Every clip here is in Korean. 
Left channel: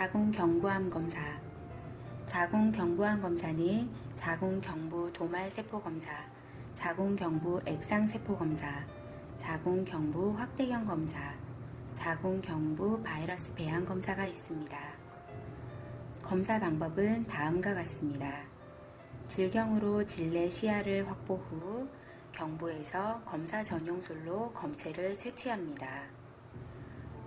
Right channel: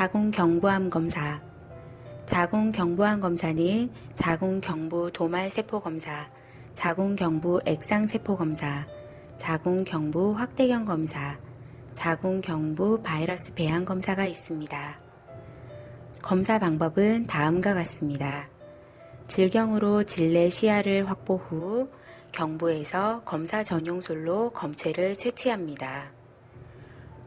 자궁 경부암 검사. 자궁 경부암 검사는 자궁 경부 도말 세포 검사, 자궁 경부 액상 세포 검사, 자궁 경부 확대경 검사, 자궁 경부 바이러스 배양 검사가 있습니다. 검사 방법은 다음과 같습니다. 질경으로 질내 시야를 확보 후 경부에서 검사 전용솔로 검체를 채취합니다.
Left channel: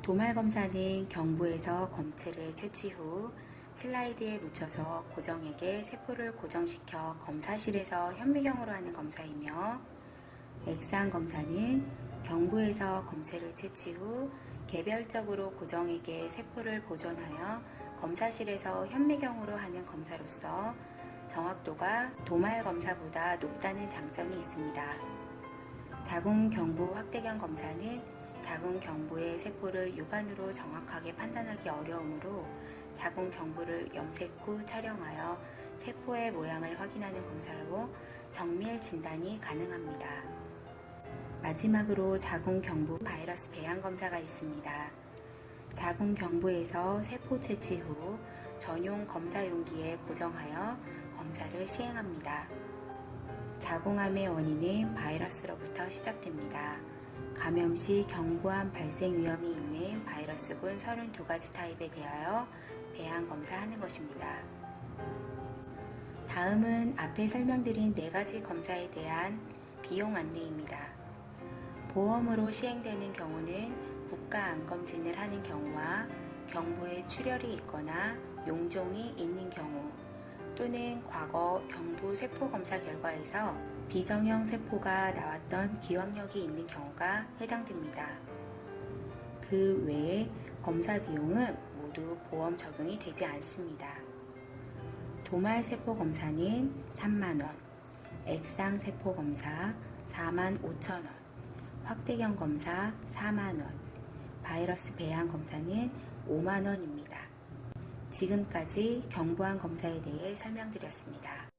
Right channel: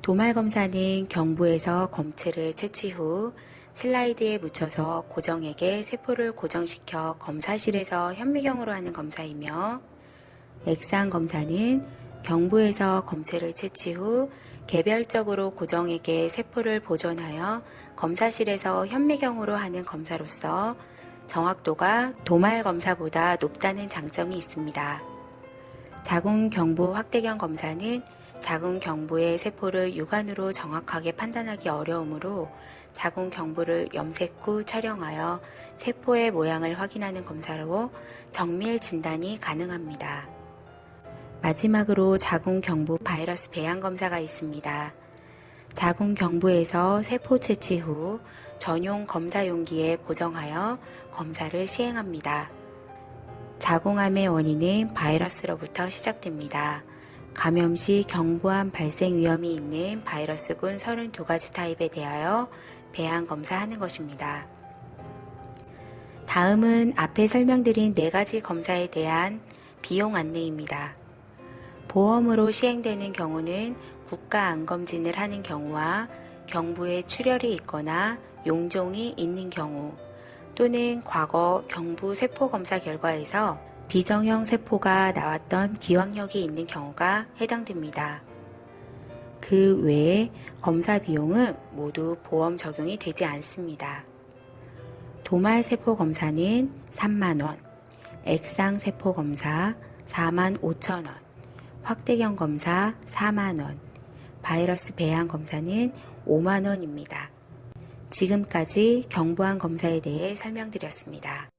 도말 검사는 경부에서 검체를 채취 후 슬라이드에 묻혀서 고정액에 세포를 고정시켜 검사실에서 현미경으로 하는 검사이며 액상 검사는 경부에서 검체를 채취 후 개별적으로 고정액에 세포를 보존하여 검사실에서 현미경으로 하는 검사로서 정확도가 도말 검사보다 높다는 장점이 있습니다. 자궁 경부 확대경 검사는 자궁 경부의 세포를 육안으로 정확하게 판단하기 어려우므로 자궁 경부를 염색 후 촬영하여 세포의 모양을 확인하는 검사로 정밀 진단이 가능합니다. 마지막으로 자궁 경부 바이러스 배양 검사가 있습니다. 자궁 경부에서 세포 채취 후 전용 검사 용기에 고정하여 검사를 시행합니다. 자궁암의 원인은 바이러스로부터 시작됩니다. 감염 시 경부암 발생 위험이 있는 바이러스군 32가지 타입에 대하여 배양 검사하는 것입니다. 다음은 앞에 설명드린 4가지 검사에 대한 비용 안내입니다. 보험으로 시행되는 경우는 국가 안검진을 하는 경우와 경부에 출혈이 있거나 용종이 있는 경우 또는 과거 경부 세포 검사 결과에서 비정형 세포가 나왔던 기왕력이 있는 경우가 해당됩니다. 그 외에 검사 비용은 모두 보험 적용이 되지 않습니다. 도말 세포 검사는 3만원, 액상 세포 검사 4만 5천원, 확대경 검사 4만원, 바이러스 배양 검사는 5만원입니다. 지금까지 경부암 검사에 대해 설명드렸습니다.